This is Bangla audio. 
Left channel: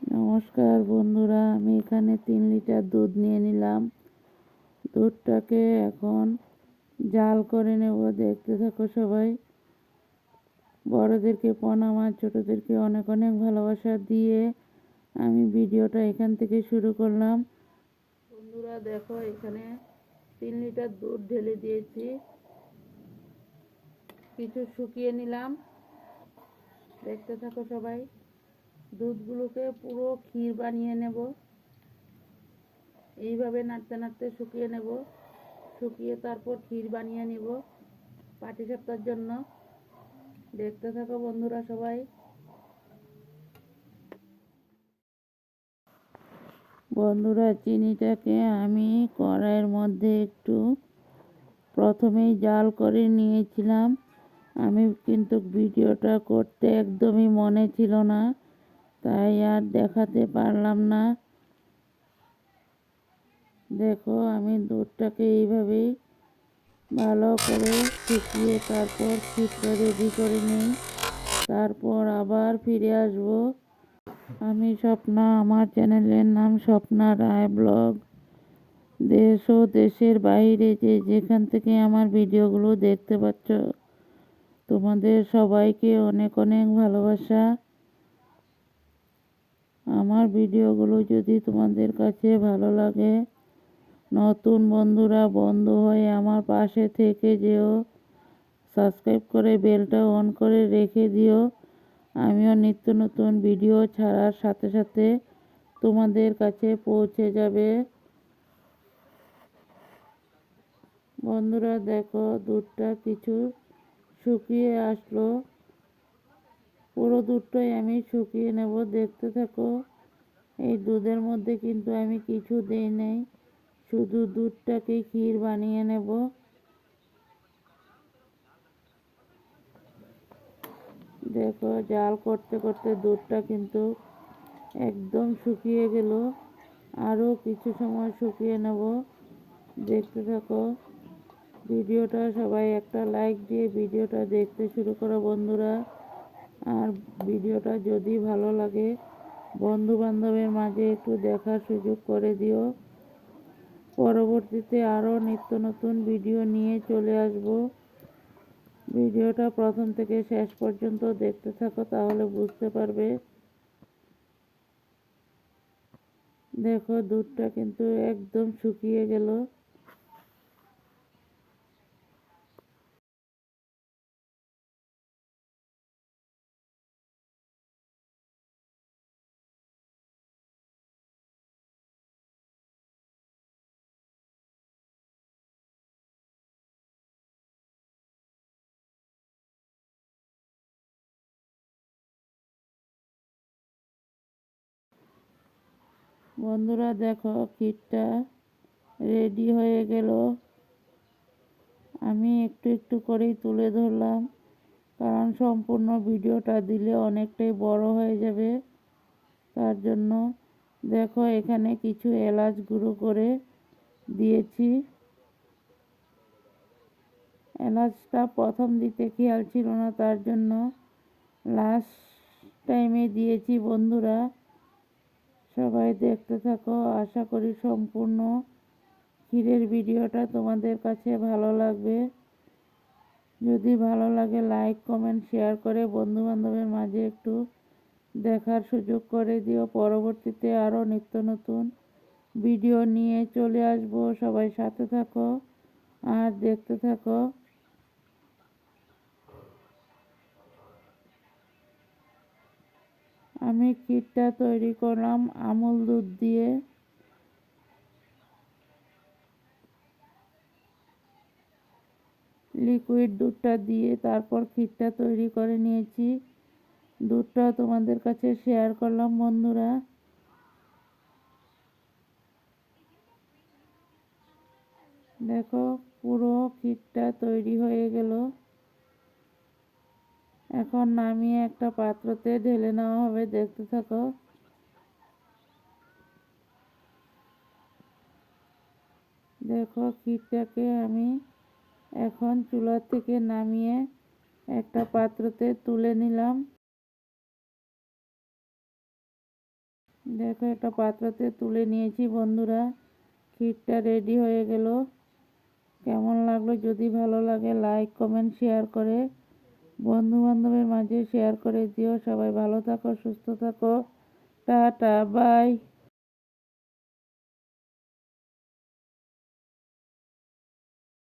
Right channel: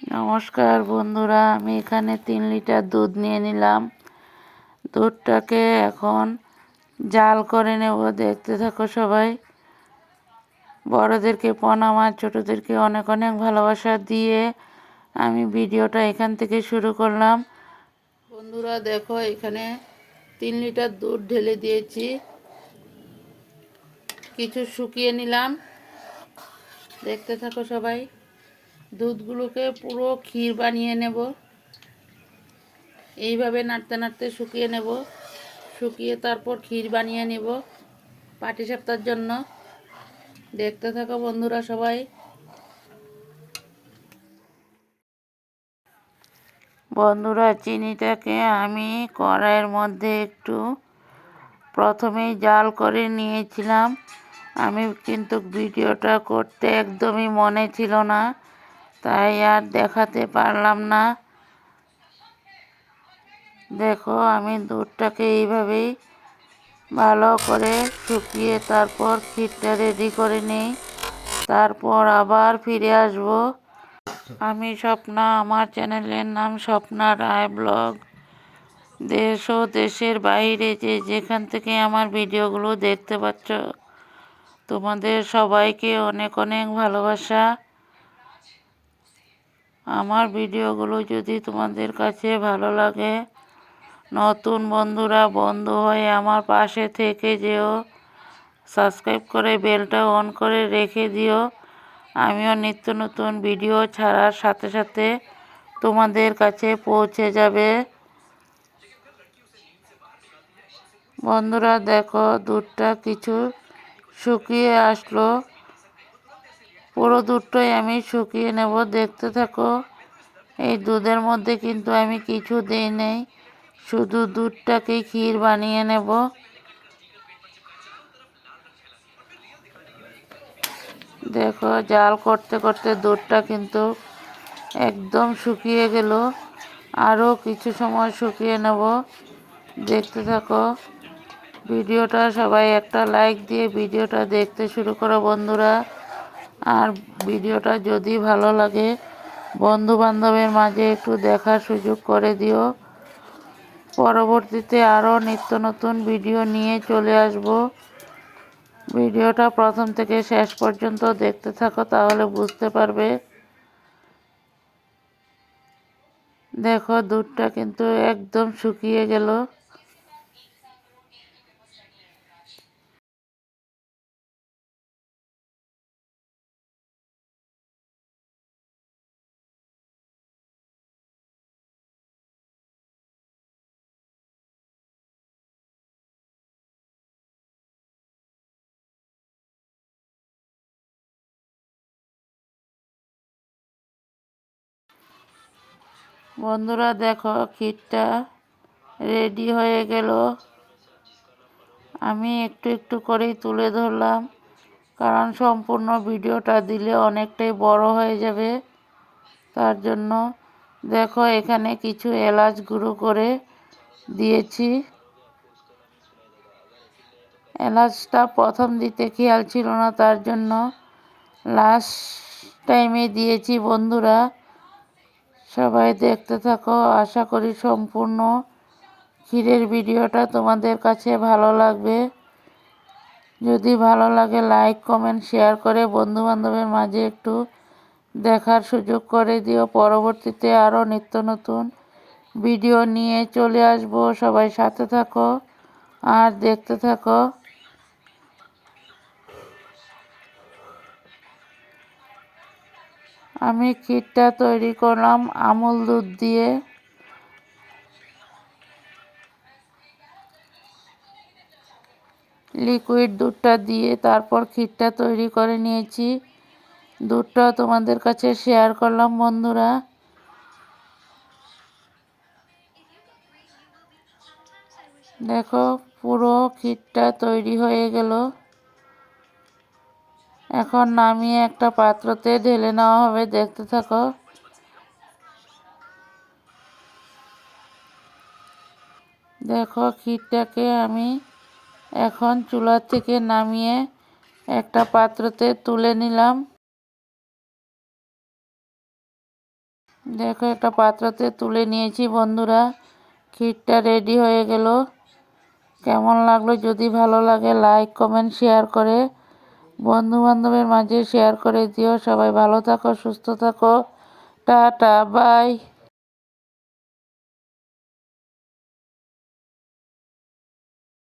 নমস্কার বন্ধুরা, আমি এখানে 3 লিটার দুধ নিয়ে নিলাম। দুধটাকে এখন জাল করে নেব। দেখতে থাকো সবাই। বড়দেরকে প্রণাম আর ছোটদেরকে অনেক অনেক ভালোবাসা দিয়ে আমি ভিডিওটা এখান থেকে শুরু করলাম। বন্ধুরা দেখো, এখানে 3 লিটার দুধ ঢেলে দিয়েছি। কিছু শুকিয়ে নিলাম। দেখতে থাকো সবাই। দুধগুলোকে পুরো ক্ষীর বানিয়ে নেব। এইভাবে নাড়তে নাড়তে শুকিয়ে নেব। শুকিয়ে তারপর ক্ষীর বানিয়ে নেব পাটিসাপটার জন্য। দেখতে থাকো বন্ধুরা সবাই। বন্ধুরা, চিনিটাকে আমি কড়াইয়ের মধ্যে একটু প্রথমেই জাল করে নিয়েছিলাম। আমি কিন্তু ভিডিওটা করতে একদমই মনে ছিল না, তাই আর দেখাতে পারলাম না। দেখো, আমি দুধটাকে এইভাবেই ভালো করে শুকিয়ে তারপর ক্ষীরটা রেডি করে নিই। তারপর আবার ফিরে আসব। আমি স্বপ্না, আমার চ্যানেলের নাম স্বপ্না রায় ব্লগ। দেশ ও দেশের বাইরে যে যেখান থেকে আমার ভিডিওগুলো দেখতে পাচ্ছ, তোমাদের সবাইকে অনেক অনেক ভালোবাসা। আমার ভিডিওগুলো যদি তোমাদের কাছে ভালো লাগে, নতুন বন্ধুরা বন্ধু হয়ে আমার পাশে থেকে যেও। সাবস্ক্রাইব করে বেলটা অন করে রেখে দিও। আমিও নিত্য নতুন ভিডিও ছাড়ার সাথে সাথে তোমাদের কাছে পৌঁছে যাবে। বন্ধুরা দেখো, দুধটা কিছু শুকিয়ে আসলো। পুরো দুধটাই আমি শুকিয়ে নেব। দেখতে থাকো। এই দুধের মধ্যে কিন্তু আমি কিছু দিই নেই, শুধু দুধটাকে ক্ষীর বানিয়ে নেব। দেখো, জাল করতে করতে দুধটা কিন্তু একদম শুকিয়ে গেল। আরও কিছু সময় শুকিয়ে নেব। দেখতে থাকো ভিডিওটা। সবাই একটা লাইক দিয়ে ভিডিওটা দেখতে শুরু করো বন্ধুরা। আর ভিডিওটা যদি ভালো লাগে, বন্ধু বান্ধবের মাঝে একটু দেখার সুযোগ করে দিও। পরবর্তীতে আরও নিত্য নতুন ভিডিও নিয়ে চলে আসব। ভিডিওটা প্রথম থেকে শেষ পর্যন্ত দেখতে থাকো, তাহলে বুঝতে পারবে। দেখো, দুধটা কিন্তু একদম শুকিয়ে গেল। বন্ধুরা দেখো, ক্ষীরটা রেডি হয়ে গেল। আমি একটু একটু করেই তুলে ধরলাম, কারণ সম্পূর্ণ ভিডিওটা দিলে অনেকটাই বড় হয়ে যাবে। তার জন্য দেখো, এখানে কিছু এলাচ গুঁড়ো করে দিয়েছি। এলাচটা প্রথম দিতে খেয়াল ছিল না, তার জন্য লাস্ট টাইমে দিয়েছি। বন্ধুরা সবাই দেখতে থাকো। আশা করি সম্পূর্ণ ক্ষীরের ভিডিওটা তোমাদের কাছে ভালো লাগবে। যদি ভালো লাগে, লাইক কমেন্ট শেয়ার করে বন্ধু বান্ধবের মাঝে একটু দেখার সুযোগ করে দিও। পরবর্তীতে আরও নিত্য নতুন ভিডিও নিয়ে চলে আসব। সবাই সাথে থাকো আর দেখতে থাকো। আমি ক্ষীরটা তৈরি করলাম আমুল দুধ দিয়ে। লিকুইড দুধটা দিয়ে তারপর ক্ষীরটা তৈরি করে নিয়েছি। দুধটা তোমাদের কাছে শেয়ার করলাম বন্ধুরা। দেখো, পুরো ক্ষীরটা তৈরি হয়ে গেল। এখন নামিয়ে একটা পাত্রতে ঢেলে নেওয়া হবে। দেখতে থাকো। দেখো, ক্ষীরটাকে আমি এখন চুলা থেকে নামিয়ে একটা পাত্রতে তুলে নিলাম। দেখো একটা পাত্রতে তুলে নিয়েছি বন্ধুরা। ক্ষীরটা রেডি হয়ে গেল। কেমন লাগলো? যদি ভালো লাগে লাইক কমেন্ট শেয়ার করে বন্ধু বান্ধবের মাঝে শেয়ার করে দিও। সবাই ভালো থাকো, সুস্থ থাকো। Ta-ta, by.